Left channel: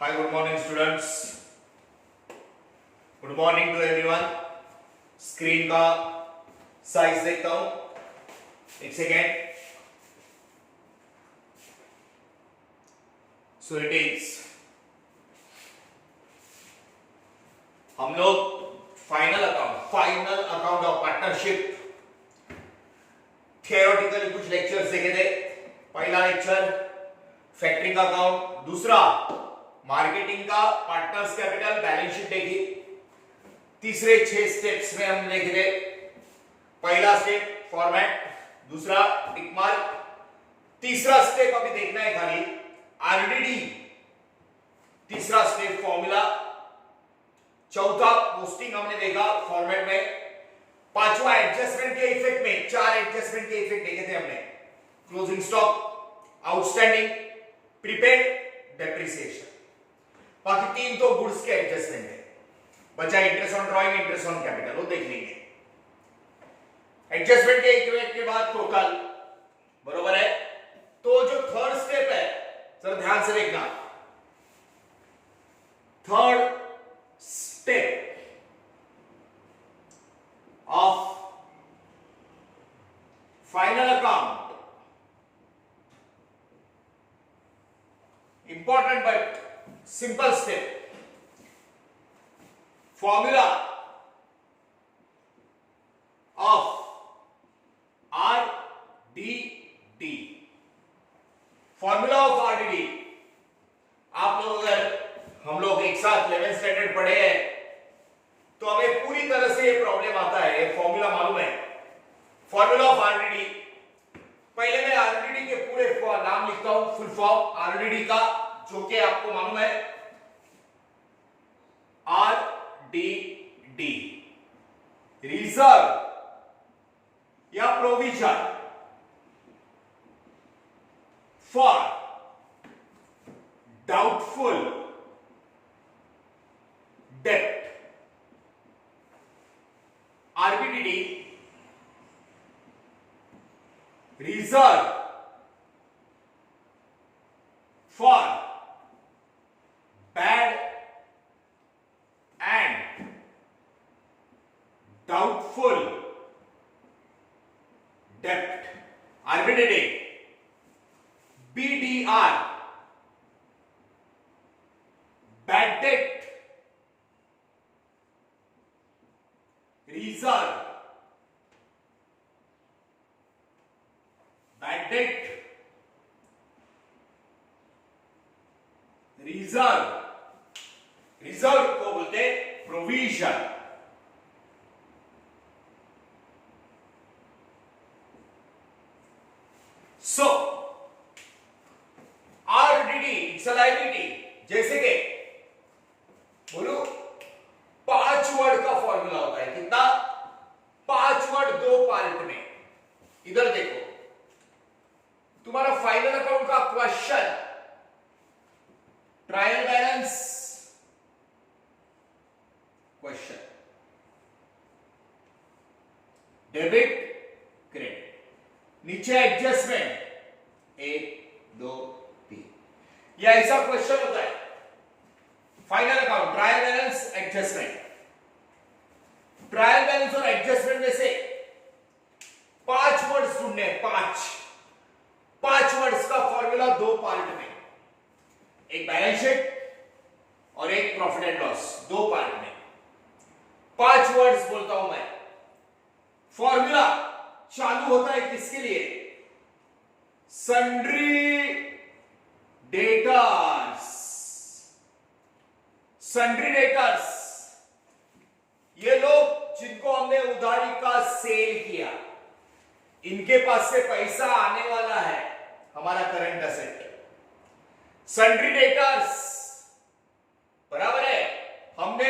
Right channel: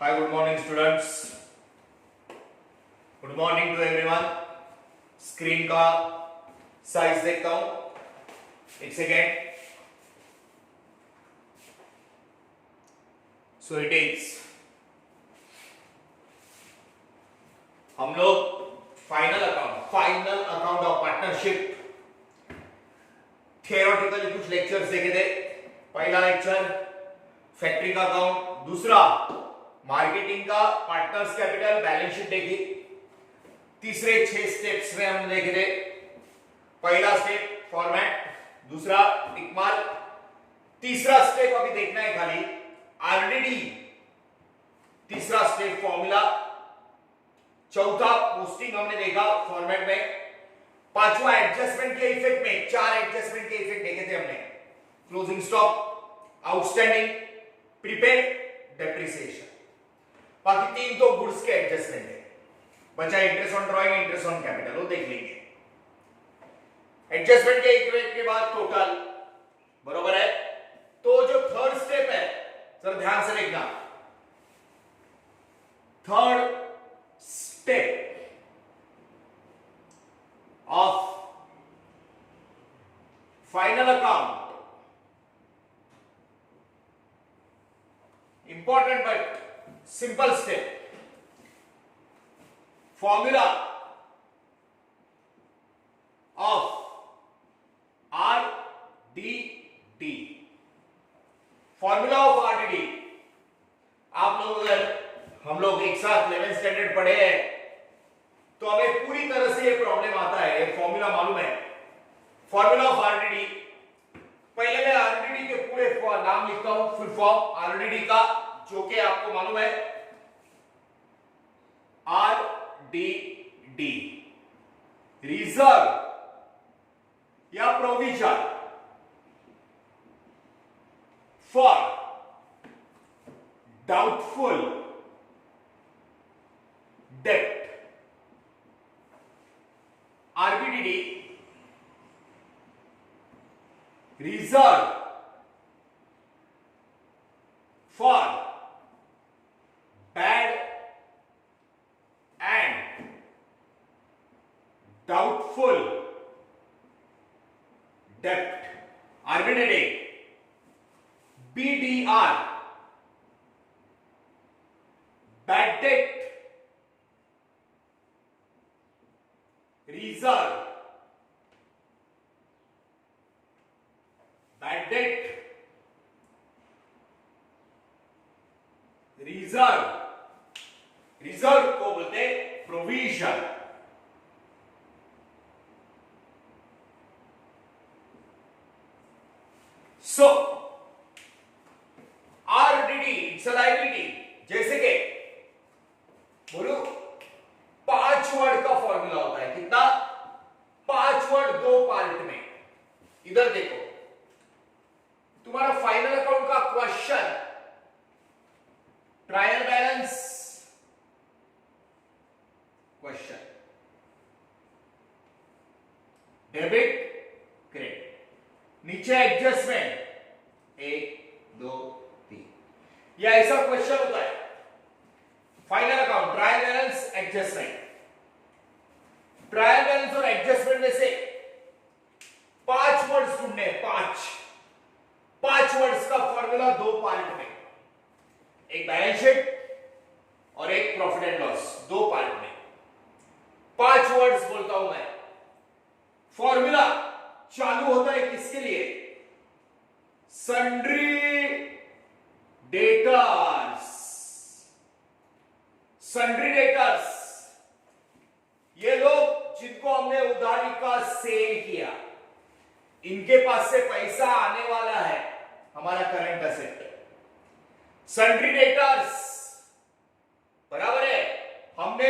Hi, good morning students. Good morning to everyone. Screen का size देखता हूं, एक सेकेंड. सो इट इज, हम लोग final account of partnership theoretically कुछ लेक्चर्स देखे थे. पहला लेक्चर फैक्टरिंग का अकाउंट, दूसरा मार्केटिंग का पार्टनर्स कैपिटल बैलेंस शीट देखी. तीसरे 6 स्टेप्स में हम देख रहे. पहला स्टेप फॉर्मेट, दूसरा टिक मार्क, तीसरा स्टेप अभी देखना है खाली आरडीडी, तीसरा स्टेप फॉर्मूला, चौथा पोस्टिंग हमने देखा फॉर्मेट में, पांचवा एडजस्टमेंट के इफेक्ट में 4 एडजस्टमेंट के इफेक्ट देखे थे हमने. Closing stock, outstanding, prepaid, depreciation. बाकी 3 तो गुड्स के एडजस्टमेंट है. बचा interest on drawing, interest on capital, वो देख लेंगे. एडजस्टमेंट के इक्वेट के बाद टोटल, बरोबर है. तो जो थर्ड स्टेप है, सर ध्यान से देखना. Third step of final account, important but simple step. Formula of RDD. Formula of RDD आप लोग, अगर हम लोग एक साथ 11th स्टैंडर्ड पढ़े हैं तो हमें पूरी तरह से ये प्रॉब्लम आता है. ये फॉर्मूला मालूम है. फॉर्मूला ऑफ आरडीडी, पहले मैं आरडीडी के पूरे नाम लिखता हूं, फुल फॉर्म आरडीडी का, जो कि आपको मालूम है. आरडीडी रिजर्व या provision for doubtful debt. RBDD reserve for bad and doubtful debt. RBDD. BDR, bad debt reserve. Bad debt reserve. Reserve को बोलते हैं provision. So RDD it's a liability. जैसे कि बोलो 5 वर्ड का फॉर्मूला होता है. कितना? 5 वर्ड 2 पार्ट में. इधर देखो, तुम्हारा फाइनल अकाउंट का question trial balance question, debit credit, नीचे एडजस्टमेंट 1 2 3. यह ऐसा क्वेश्चन होता है. Final account, trial balance, adjustment. Trial balance और एडजस्टमेंट में से 5 वर्ड्स ढूंढने. 5 वर्ड्स का फॉर्मूला 2 पार्ट में, एक बैलेंस शीट और एक प्रॉफिट एंड लॉस, 2 पार्ट में. 5 वर्ड्स बोलता हूं मैं. फॉर्मूला चालू होता है किसके लिए? Sundry debtors. सन्ड्री डेटर्स, ये लोग जिनको हमने उधारी का सेल किया, इनके पास से पैसा आने वाला है, हमारा करंट असेट. सन्ड्री डेटर्स, बराबर है. हमने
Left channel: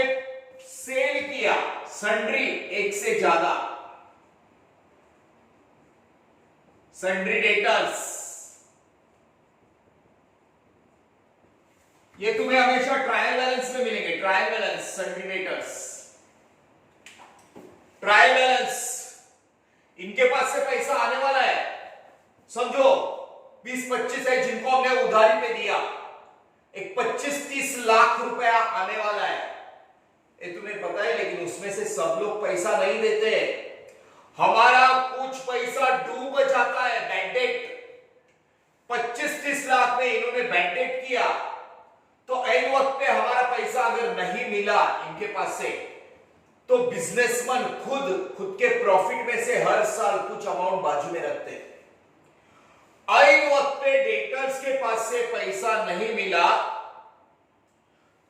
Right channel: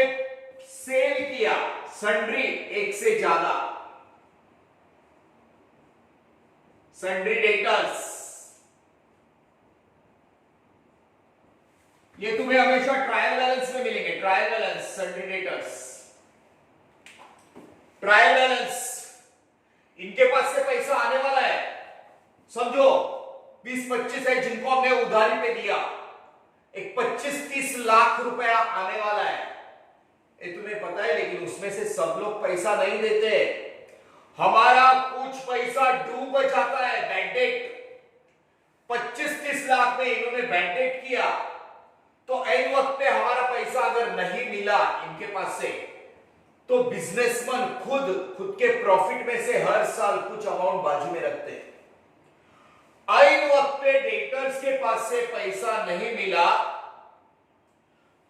सेल किया सन्ड्री, एक से ज्यादा सन्ड्री डेटर्स. ये तुम्हें हमेशा ट्रायल बैलेंस में मिलेंगे. Trial balance, sundry debtors, trial balance, इनके पास से पैसा आने वाला है. समझो 20-25 है जिनको हमने उधारी पे दिया, एक 25-30 लाख रुपया आने वाला है, ये तुम्हें पता है, लेकिन उसमें से सब लोग पैसा नहीं देते। हमारा कुछ पैसा डूब जाता है, बैंक डेट। 25-30 लाख में इन्होंने बैंक डेट किया, तो ऐन वक्त पे हमारा पैसा अगर नहीं मिला इनके पास से, तो बिजनेसमैन खुद के प्रॉफिट में से हर साल कुछ अमाउंट बाजू में रखते हैं। ऐन वक्त पे डेटर्स के पास से पैसा नहीं मिला,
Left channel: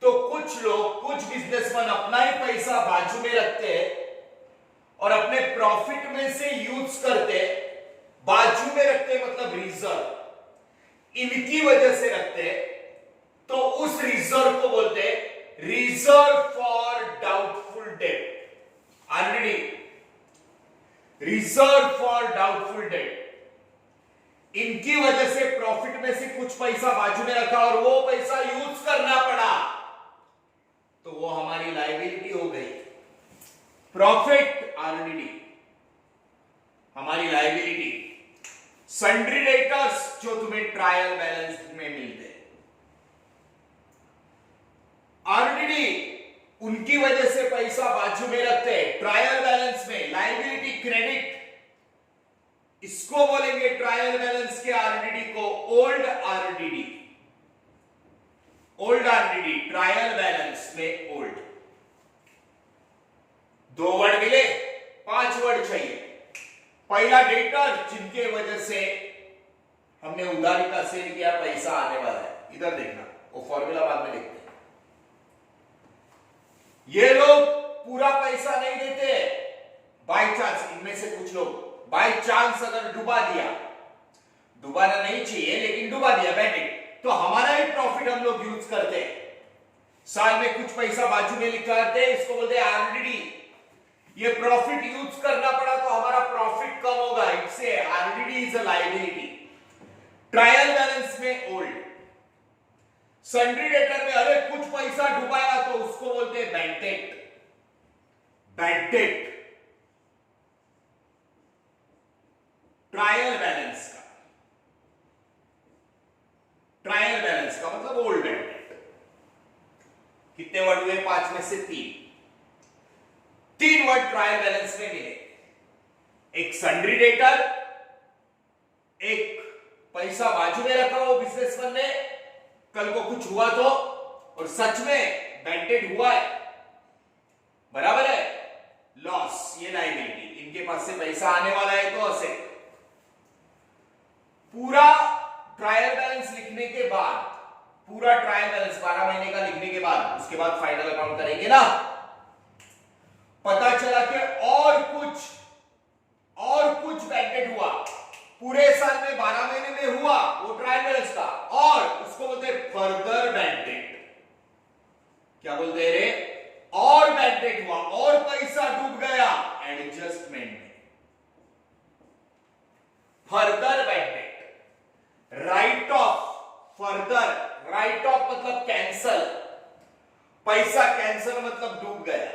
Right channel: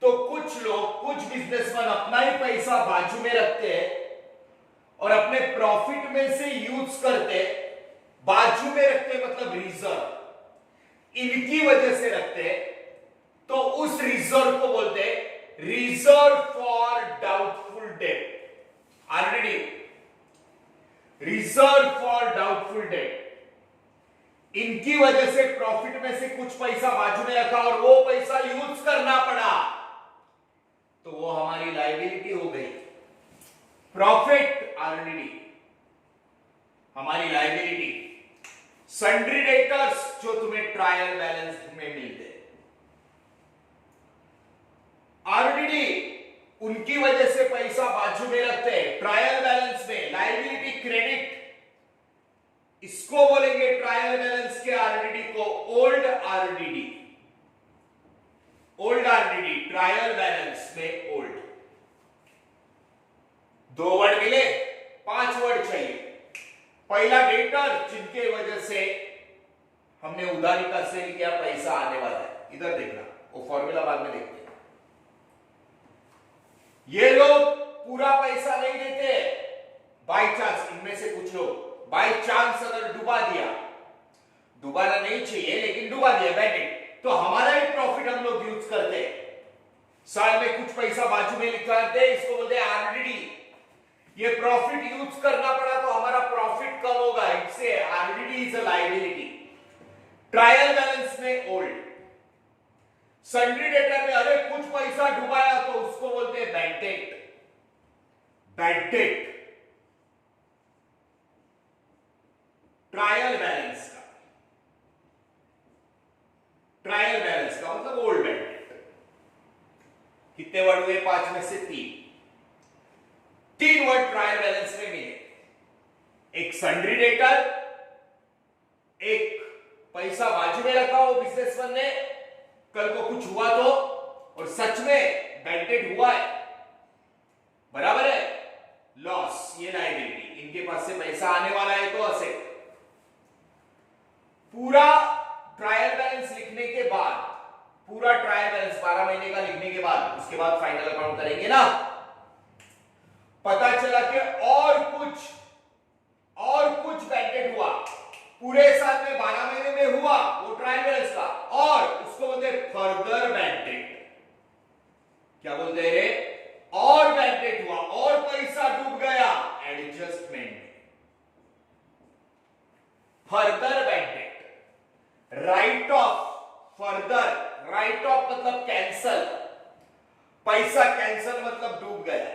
तो कुछ बिजनेसमैन अपना ही पैसा बाजू में रखते हैं और अपने प्रॉफिट में से यूज करते। बाजू में रखते मतलब रिजर्व, इनकी वजह से रखते, तो उस रिजर्व को बोलते हैं reserve for doubtful date, RDD, reserve for doubtful date. इनकी वजह से प्रॉफिट में से कुछ पैसा बाजू में रखा और वो पैसा यूज करना पड़ा, तो वो हमारी लायबिलिटी हो गई। प्रॉफिट आरडीडी हमारी लायबिलिटी। सन्ड्री डेटर्स जो तुम्हें ट्रायल बैलेंस में मिलते, आरडीडी उनकी वजह से पैसा बाजू में रखते हैं ट्रायल बैलेंस में, लायबिलिटी क्रेडिट, इसको बोलेंगे ट्रायल बैलेंस के आरडीडी को old RDD, old RDD, trial balance में ओल्ड। 2 वर्ड मिले, 5 वर्ड चाहिए। पहला डेटर, जिनके वजह से हमने उधारी का सेल किया, पैसा आने वाला है, इधर देखना, वो फॉर्मूला बाद में देखते हैं। ये लोग पूरा पैसा नहीं देते, बाय चांस, इनमें से कुछ लोग बाय चांस अगर डुबा दिया, डुबाना नहीं चाहिए लेकिन डुबा दिया बैंक, तो हमारा ही प्रॉफिट हम लोग यूज करते, साल में कुछ पैसा बाजू में लिखा करते, इसको बोलते हैं आरडीडी। ये प्रॉफिट यूज करना पड़ा तो हमारा प्रॉफिट कम होगा, इससे RDD is a liability. Trial balance में ओल्ड। सन्ड्री डेटर में अरे कुछ पैसा डुबाया तो उसको बोलते हैं bank debt, bank debt. Trial balance का, ट्रायल बैलेंस का मतलब ओल्ड बैंक डेट। कितने वर्ड हुए? 5 में से 3 वर्ड ट्रायल बैलेंस में मिले, एक सन्ड्री डेटर, एक पैसा बाजू में रखा हो बिजनेसमैन ने, कल को कुछ हुआ तो, और सच में बैंक डेट हुआ है, बराबर है, लॉस, ये लायबिलिटी, इनके पास से पैसा आने वाला है तो असेट। पूरा ट्रायल बैलेंस लिखने के बाद, पूरा ट्रायल बैलेंस 12 महीने का लिखने के बाद, उसके बाद फाइनल अकाउंट करेंगे ना, पता चला कि और कुछ बैंक डेट हुआ, पूरे साल में 12 महीने में हुआ वो ट्रायल बैलेंस का, और उसको बोलते हैं फर्दर बैंक डेट। क्या बोलते हैं रे? और बैंक डेट हुआ और पैसा डूब गया, adjustment. Further bank debt, write off, further, write off मतलब कैंसल, पैसा कैंसल मतलब डूब गया।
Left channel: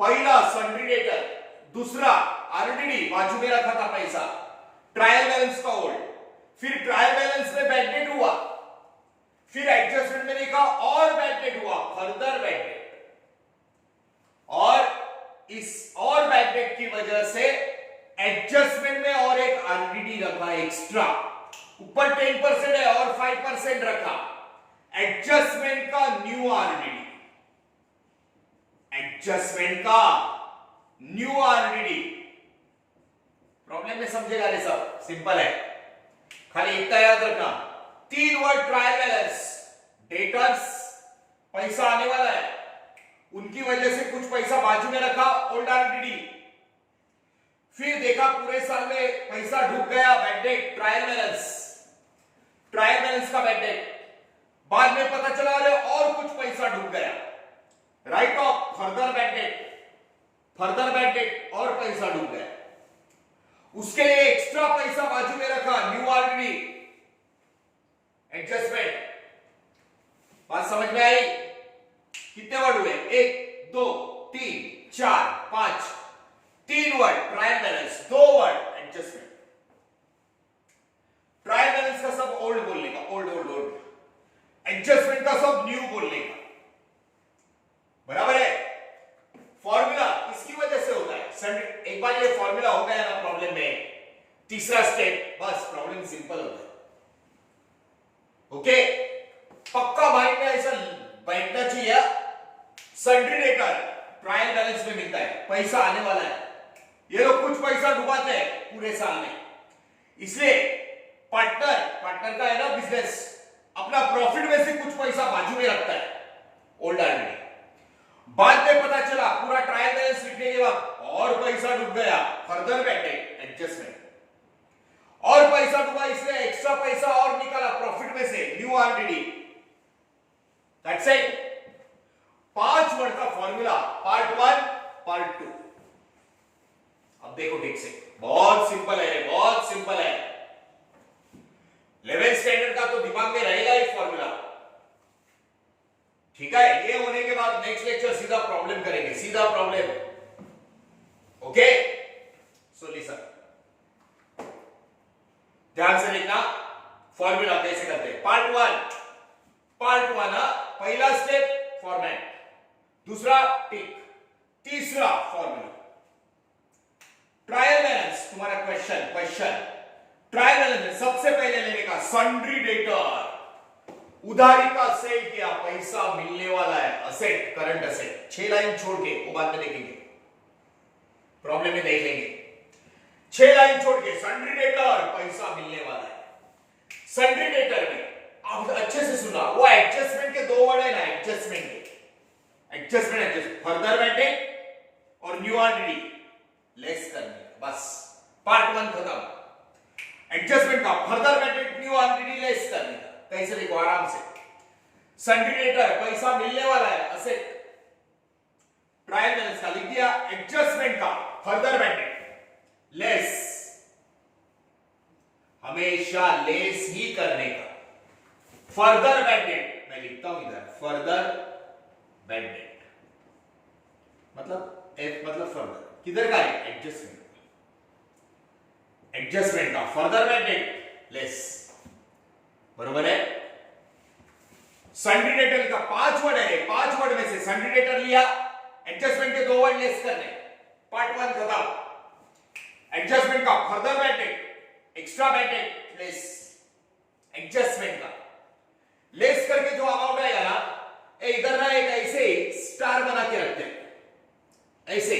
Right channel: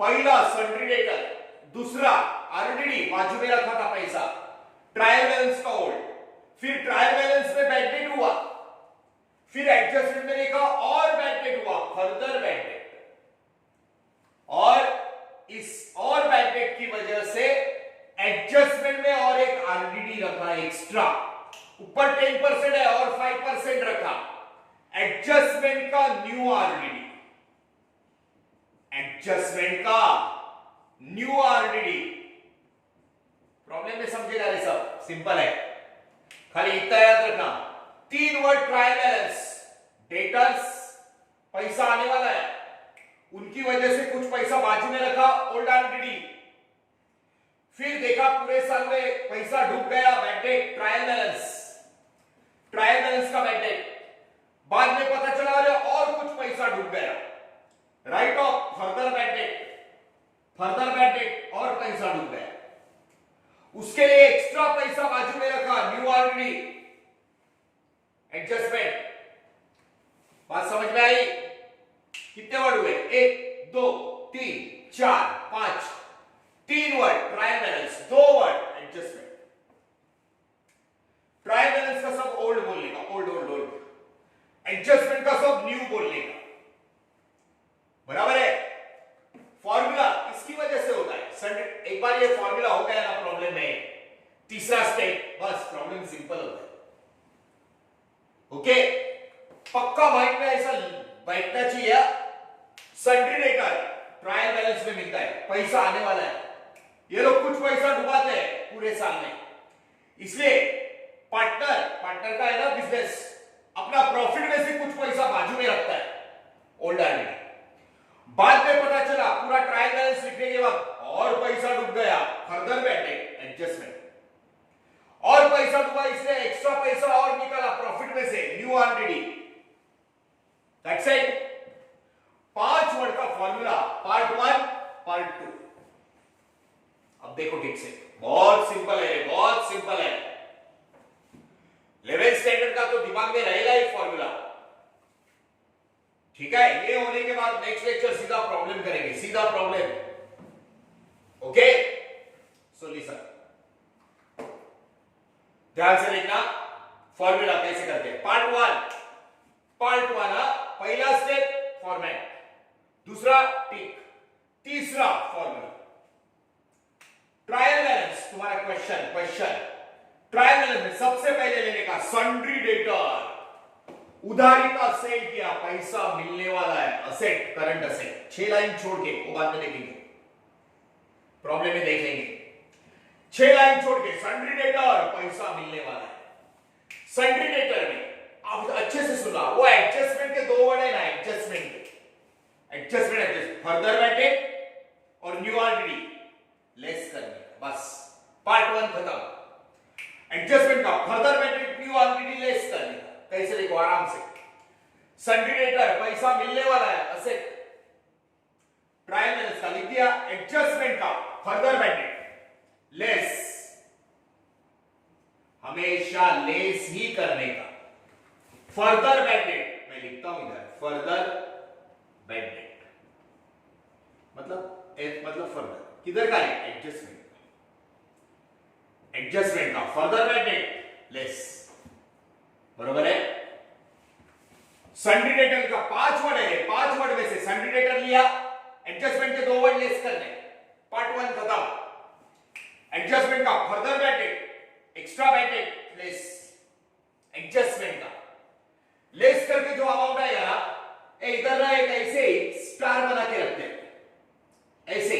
पहला सन्ड्री डेटर, दूसरा आरडीडी, बाजू में रखा था पैसा, ट्रायल बैलेंस का ओल्ड, फिर ट्रायल बैलेंस में बैंक डेट हुआ, फिर एडजस्टमेंट में लिखा और बैंक डेट हुआ, फर्दर बैंक डेट। और इस और बैंक डेट की वजह से एडजस्टमेंट में और एक आरडीडी रखा एक्स्ट्रा, ऊपर 10% है और 5% रखा, एडजस्टमेंट का न्यू आरडीडी, एडजस्टमेंट का न्यू आरडीडी। प्रॉब्लम में समझेगा रे सब, सिंपल है, खाली इतना याद रखना। 3 वर्ड ट्रायल बैलेंस, डेटर्स, पैसा आने वाला है, उनकी वजह से कुछ पैसा बाजू में रखा, ओल्ड आरडीडी, फिर देखा पूरे साल में पैसा डूब गया, bank debt, trial balance, trial balance का बैंक डेट, बाद में पता चला रहे और कुछ पैसा डूब गया, write off, further bank debt, further bank debt और पैसा डूब गया, उसके लिए एक्स्ट्रा पैसा बाजू में रखा, न्यू आरडीडी, एडजस्टमेंट। बात समझ में आई? कितने वर्ड हुए? 1 2 3 4 5, 3 word trial balance, 2 word adjustment. Trial balance का सब ओल्ड बोलने का, ओल्ड ओल्ड ओल्ड, एक बार ये फॉर्मूला हो गया ना प्रॉब्लम में, तीसरा स्टेप बस प्रॉब्लम सिंपल होता है। ओके, पक्का माइंड में ऐसा बैठना चाहिए। सन्ड्री डेटर ट्रायल बैलेंस में मिलता है, पैसा आने वाला है, ये लोग कुछ पैसा डुबाते हैं पूरे साल में, इसलिए पार्टनर का है ना बिजनेस, अपना प्रॉफिट में से कुछ पैसा बाजू में रखता है ओल्ड आदमी। बाद में पता चला पूरा ट्रायल बैलेंस लिखने के बाद और पैसा डूब गया, फर्दर बैठे एडजस्टमेंट, और पैसा डूबा इसलिए एक्स्ट्रा पैसा और निकाला प्रॉफिट में से, new RDD. That's it. 5 word का फॉर्मूला, पार्ट 1 पार्ट 2। अब देखो ठीक से, बहुत सिंपल है, बहुत सिंपल है। 11th स्टैंडर्ड का तो दिमाग में रहेगा ही फॉर्मूला, ठीक है। ये होने के बाद नेक्स्ट लेक्चर सीधा प्रॉब्लम करेंगे, सीधा प्रॉब्लम। ओके, सो लिसन, ध्यान से देखना फॉर्मूला कैसे करते हैं। पार्ट 1 पहला स्टेप फॉर्मेट, दूसरा टिक, तीसरा फॉर्मूला। ट्रायल बैलेंस तुम्हारा क्वेश्चन ट्रायल बैलेंस में सबसे पहले लेने का सन्ड्री डेटर, उधारी का सेल किया, पैसा मिलने वाला है, असेट, करंट असेट। 6 लाइन छोड़ के वो बाद में देखेंगे, प्रॉब्लम में देख लेंगे। 6 लाइन छोड़ के सन्ड्री डेटर, पैसा मिलने वाला है। सन्ड्री डेटर में अब अच्छे से सुना, वो एडजस्टमेंट के 2 वर्ड है ना, एडजस्टमेंट फर्दर बैठे और न्यू आरडीडी लेस करने, बस पार्ट 1 खत्म। एडजस्टमेंट का फर्दर बैठे, न्यू आरडीडी लेस करने का। कैसे देखो आराम से, सन्ड्री डेटर पैसा मिलने वाला है, असेट, ट्रायल बैलेंस का लिख दिया, एडजस्टमेंट का फर्दर बैठे लेस, हमेशा लेस ही करने का। फर्दर बैड डेट मैं लिखता हूं इधर, फर्दर बैड डेट मतलब एफ मतलब फर्दर, किधर का है, एडजस्टमेंट का फर्दर बैड डेट लेस, बरोबर है। सन्ड्री डेटर का 5 वर्ड है, 5 वर्ड में से सन्ड्री डेटर लिया, एडजस्टमेंट के 2 वर्ड लेस करने, पार्ट 1 खत्म। एडजस्टमेंट का further bad debt, extra bad debt less, adjustment का लेस करके जो अमाउंट आएगा ना, इधर ना एक ऐसे स्टार बना के रखते हैं, ऐसे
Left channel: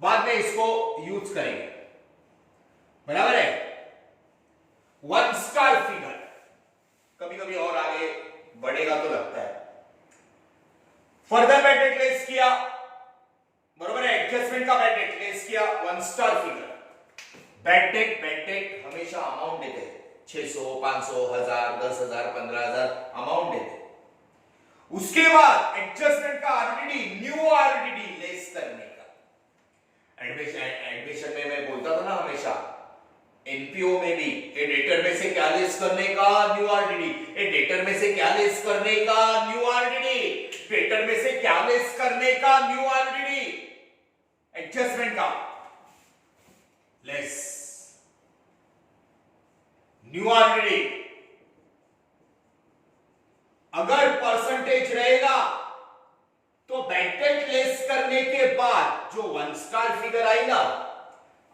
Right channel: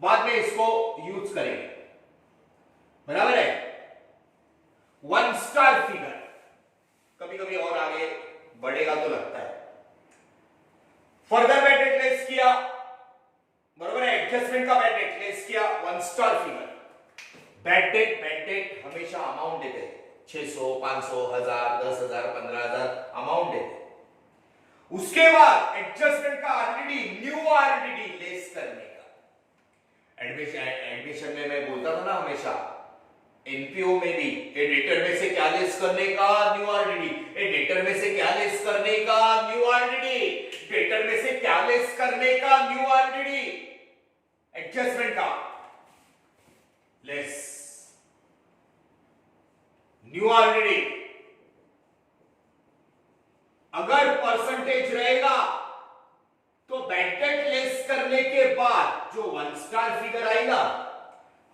बाद में इसको यूज करेंगे, बराबर है। 1 स्टार फिगर कभी कभी और आगे बढ़ेगा तो लगता है। फर्दर बैड डेट लेस किया, बराबर है, एडजस्टमेंट का बैड डेट लेस किया, 1 स्टार फिगर। बैड डेट हमेशा अमाउंट देते हैं, 600, 500, 1000, 10,000, 15,000 अमाउंट देते। उसके बाद एडजस्टमेंट का आरडीडी, न्यू आरडीडी लेस करने का। एडमिशन में मैं बोलता था ना हमेशा, एनपीओ में भी डेटर में से क्या लेस करने का, न्यू आरडीडी, डेटर में से क्या लेस करने का, न्यू आरडीडी, डेटर में से क्या लेस करने का, न्यू आरडीडी, एडजस्टमेंट का लेस, न्यू आरडीडी। अगर परसेंटेज रहेगा तो बैड डेट लेस करने के बाद जो 1 स्टार फिगर आई ना,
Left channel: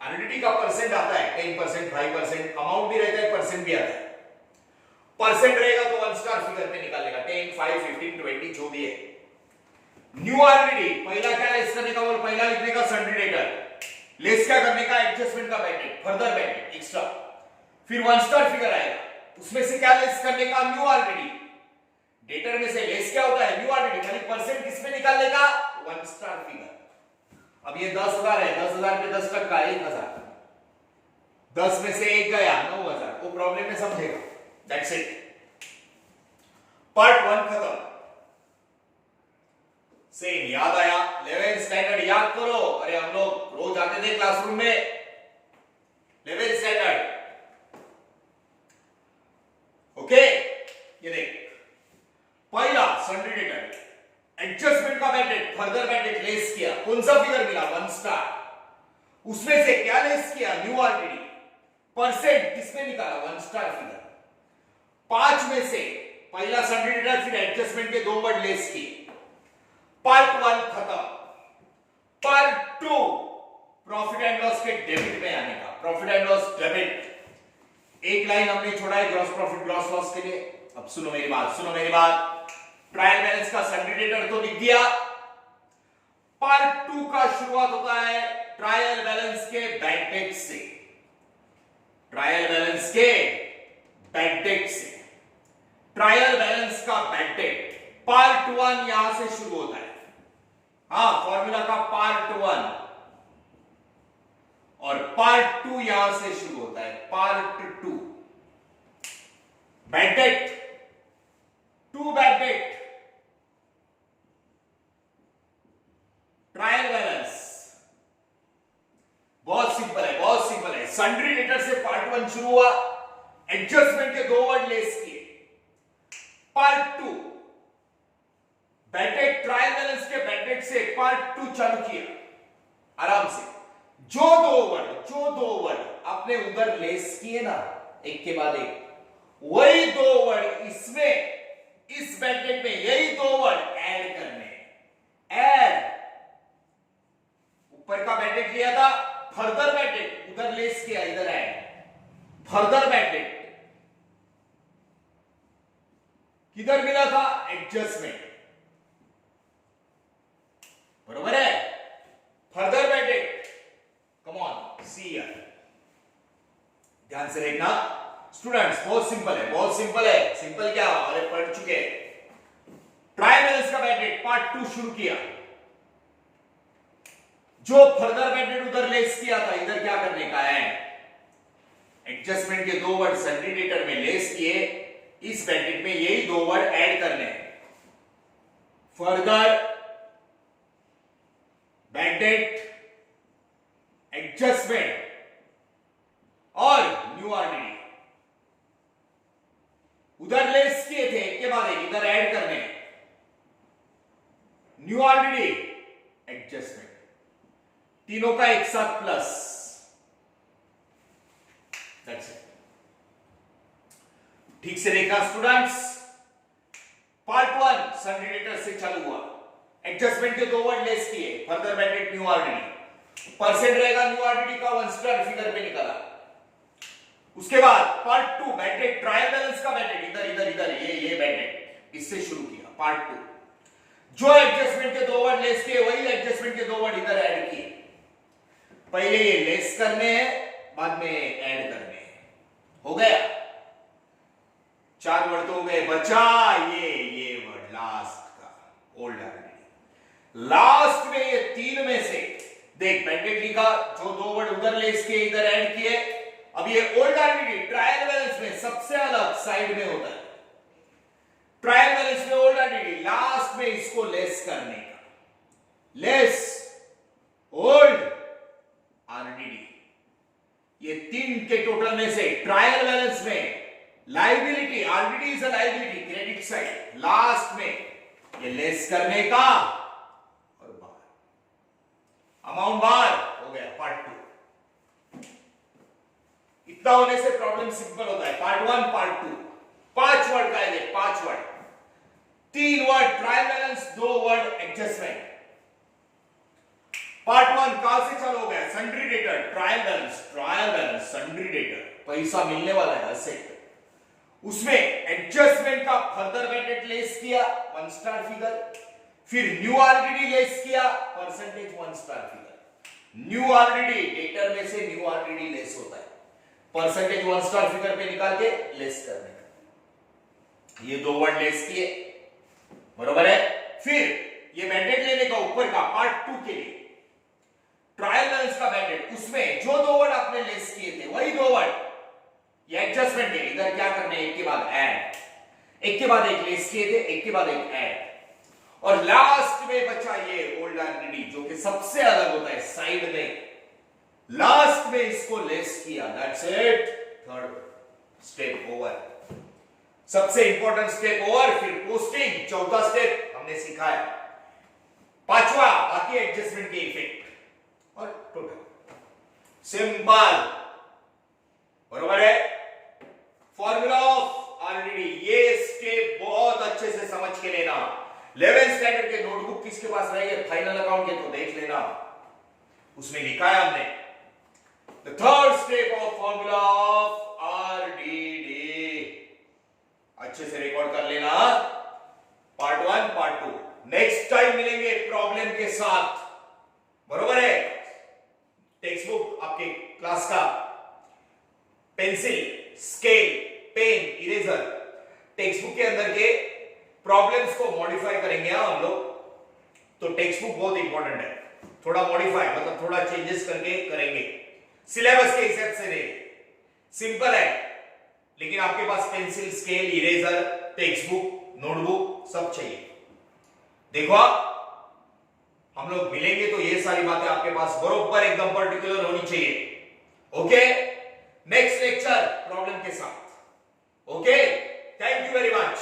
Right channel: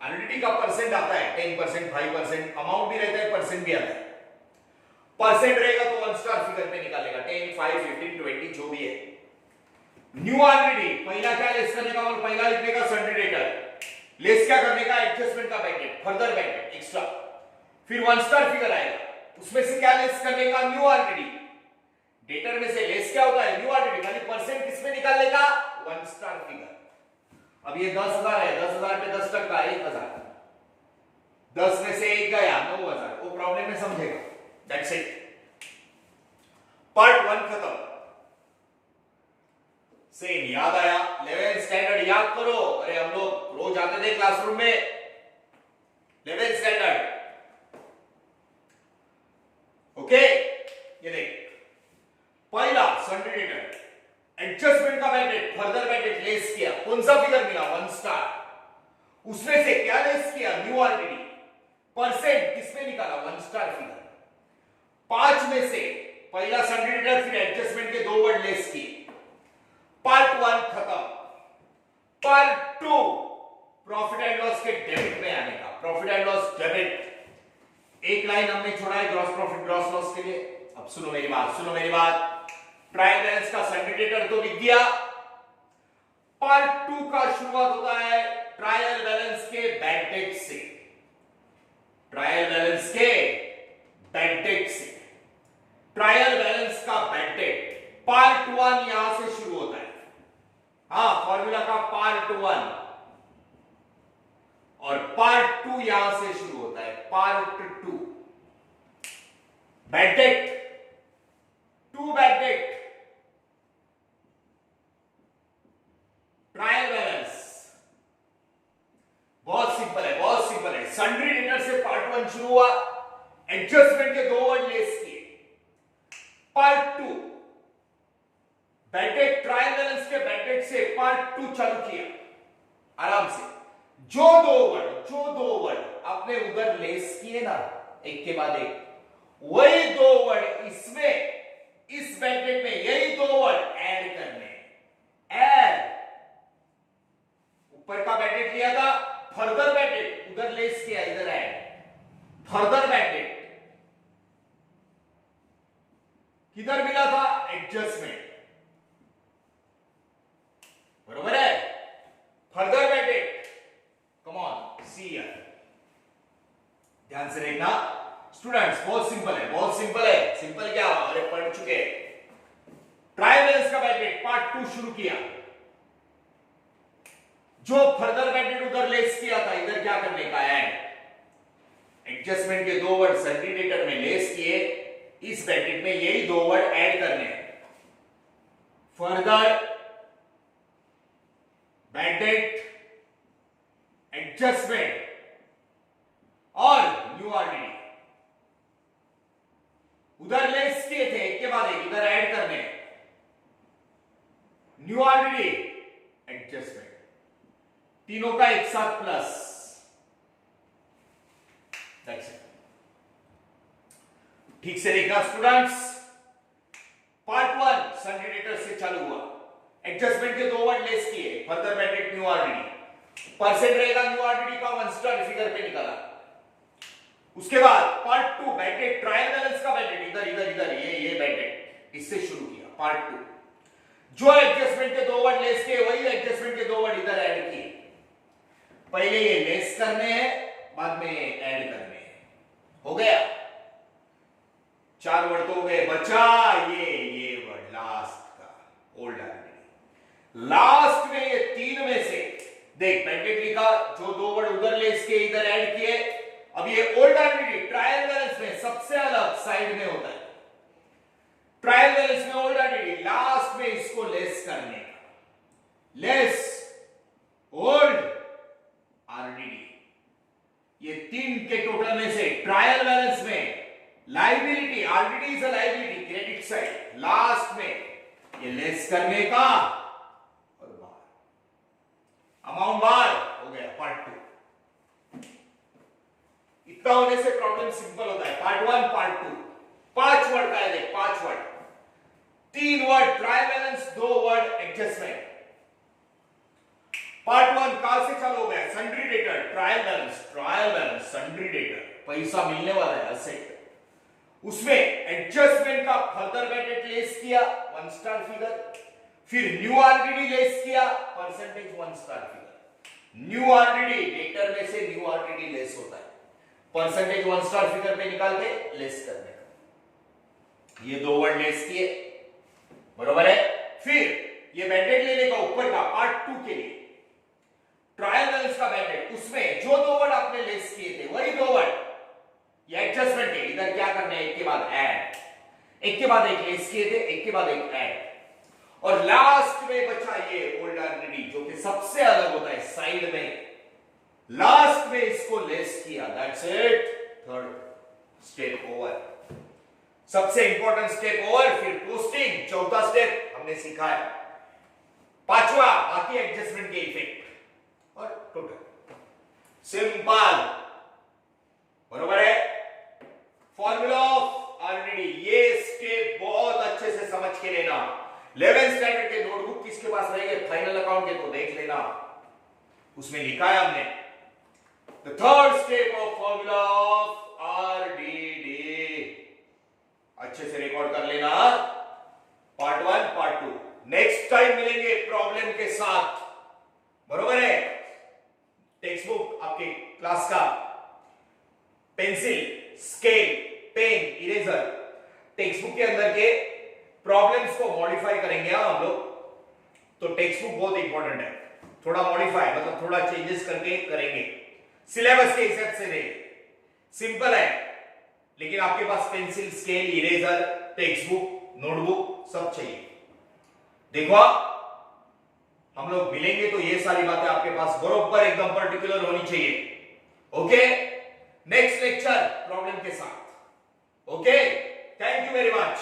आरडीडी का परसेंट आता है 10%, 5%, अमाउंट भी रहता है, परसेंट भी आता है। परसेंट रहेगा तो 1 स्टार फिगर पे निकालेगा, 10, 5, 15, 20 जो भी है। न्यू आरडीडी पहला क्या लेस करने का, और पहला लिखने का सन्ड्री डेटर, लेस क्या करने का, एडजस्टमेंट का bad debt, further bad debt, extra. फिर 1 स्टार फिगर आएगा, उसमें से क्या लेस करने का, न्यू आरडीडी। डेटर में से लेस क्या होता है, न्यू आरडीडी, यानी परसेंट किसमें निकालने का, 1 स्टार फिगर। अब ये 10,000 है, 10,000 पे 10% 1,000, 10 में से 1 गया, 9,000, वो प्रॉब्लम में समझेगा। दैट्स इट, पार्ट 1 खत्म। सेम याद आया, 11th स्टैंडर्ड याद करो। अरे हम लोग रोज आते थे क्लासरूम में, 11th स्टैंडर्ड। ओके, ये देख, पहला सन्ड्री डेटर, एडजस्टमेंट का bad debt, further bad debt less किया, कौन सा फिगर मिला, 1 स्टार। उसमें से क्या लेस किया, न्यू आरडीडी। परसेंट किसमें निकाला, 1 स्टार फिगर। 5 में से पहला सन्ड्री डेटर, फिर एडजस्टमेंट के 2 वर्ड लेस किए। पार्ट 1 खत्म। पार्ट 2 के डेबिट में आने का, प्रॉफिट एंड लॉस डेबिट। एक लाइन हमने छोड़ा है ग्रॉस प्रॉफिट ग्रॉस लॉस के लिए। अब सुनो मेरी बात। ट्रायल बैलेंस का सन्ड्री डेटर तो लिख दिया। पार्ट 2 का शुरुआत होता है ट्रायल बैलेंस के बैड डेट से। ट्रायल बैलेंस के बैड डेट से। ट्रायल बैलेंस का बैड डेट पार्ट 1 यहां से शुरू होता है। हाँ, फॉर्मूला का पार्ट 1 और पार्ट 2 यहां से शुरू होता है। Part 2 bad debt, 2 bad debt, trial balance. बहुत सिंपल है। सन्ड्री डेटर से पार्ट 1 शुरू हुआ, एडजस्टमेंट के 2 वर्ड लेस किए। Part 2 bad debt, trial balance के बैड डेट से पार्ट 2 चालू किया आराम से। जो दो वर्ड आपने उधर लेस किए ना, एक के बाद एक, वही 2 वर्ड इसमें, इस बैड डेट में यही 2 वर्ड ऐड करने। ऐड, ऊपर का बैड डेट लिया था, फर्दर बैड डेट उधर लेस किया, इधर ऐड। फर्दर बैड डेट किधर मिला था? एडजस्टमेंट, बरोबर है। Further bad debt, come on see here, ध्यान से देखना स्टूडेंट्स। बहुत सिंपल है। सिंपल क्या, अरे पढ़ चुके। ट्रायल बैलेंस का बैड डेट पार्ट 2 शुरू किया। जो फर्दर बैड डेट उधर लेस किया था, इधर क्या करने का है? एडजस्टमेंट के 2 वर्ड सन्ड्री डेटर में लेस किए, इस बैड डेट में यही 2 वर्ड ऐड करने। फर्दर बैड डेट, एडजस्टमेंट और न्यू आरडीडी उधर लेस किए थे, एक के बाद एक इधर ऐड करने। न्यू आरडीडी, एडजस्टमेंट, तीनों का एक साथ प्लस। That's it. ठीक से देखना स्टूडेंट्स। पार्ट 1 सन्ड्री डेटर से चालू हुआ, एडजस्टमेंट के 2 वर्ड लेस किए, further bad debt, new RDD. Percent रहेगा न्यू आरडीडी का 1 स्टार फिगर पे निकाला। उसके बाद part 2 bad debt, trial balance का बैड डेट, इधर ये बैड डेट, इससे शुरू किया पार्ट 2। जो एडजस्टमेंट के 2 वर्ड लेस किए, वही एडजस्टमेंट के 2 वर्ड इधर ऐड किए। पहले ये लेस करने हैं, बाद में ऐड करने हैं। हो गया, 4 वर्ड तो हो गए। बचा ये वर्ड लास्ट का, ओल्ड आरडीडी। लास्ट में ये 3 में से देख, बैड डेट लिखा, जो 2 वर्ड उधर लेस किए, इधर ऐड किए। अब ये ओल्ड आरडीडी ट्रायल बैलेंस में सबसे अलग साइड में होता है। ट्रायल बैलेंस में ओल्ड आरडीडी, लास्ट में इसको लेस करने का। लेस ओल्ड आरडीडी, ये 3 के टोटल में से ट्रायल बैलेंस में liability, RDD is a liability, credit side, last में ये लेस करने का और बाहर अमाउंट बाहर हो गया। पार्ट 2 इतना होने से प्रॉब्लम सिंपल होता है। पार्ट 1 पार्ट 2 5 वर्ड का है, देख 5 word, 3 word trial balance, 2 word adjustment. Part 1 कहां से चालू हो गया? Sundry debtor, trial balance, sundry debtor, पैसा मिलने वाला है असेट। उसमें एडजस्टमेंट का फर्दर बैड डेट लेस किया, 1 स्टार फिगर। फिर न्यू आरडीडी लेस किया, percentage 1 star figure. New RDD, debtor में से न्यू आरडीडी लेस होता है, परसेंटेज 1 स्टार फिगर पे निकाल के लेस करने का। ये 2 वर्ड लेस किए, बरोबर है। फिर ये बैड डेट लेने का ऊपर का पार्ट 2 के लिए ट्रायल बैलेंस का बैड डेट, उसमें जो 2 वर्ड आपने लेस किए थे, वही 2 वर्ड ये एडजस्टमेंट है। इधर क्या करने, एक के बाद ऐड, एक के बाद एक लेस किए थे, एक के बाद एक ऐड। और लास्ट में बचा ये ओल्ड आरडीडी, जो कि सबसे अलग होता है साइड में। लास्ट में इसको लेस किया, that's it. Third step over, सबसे इंपॉर्टेंट स्टेप ओवर। फिर पोस्टिंग, चौथा स्टेप हमने सीखा है। 5वां बाकी एडजस्टमेंट के इफेक्ट और टोटल। सिंपल, बरोबर है। फॉर्मूला ऑफ आरडीडी, ये स्टेप बहुत अच्छे से समझ के लेना। 11th स्टैंडर्ड के नोटबुक किसके पास रही है फाइनल अकाउंट के, तो देख लेना, उसमें लिखा है हमने the third step of formula of RDD. अच्छे से रिकॉर्ड कर लेना, पार्ट 1 पार्ट 2। नेक्स्ट टाइम मिलेंगे प्रॉब्लम के साथ, बरोबर है। टेक्स्ट बुक आपके क्लास का, pencil, scale, pen, eraser, text book के अंदर के प्रॉब्लम्स को मॉडिफाई करेंगे हम लोग। तो टेक्स्ट बुक बहुत इंपॉर्टेंट है, थोड़ा मॉडिफाई मतलब थोड़ा चेंजेस करके करेंगे, सिलेबस के हिसाब से नहीं। सिंपल है, लेकिन आपके पास pencil, scale, eraser, text book, notebook सब चाहिए। देखो हम लोग मिलेंगे तो ये सारी बातें आपके पास बरोबर एकदम पर्टिकुलर होनी चाहिए। ओके, नेक्स्ट लेक्चर प्रॉब्लम के साथ। Okay, thank you very much.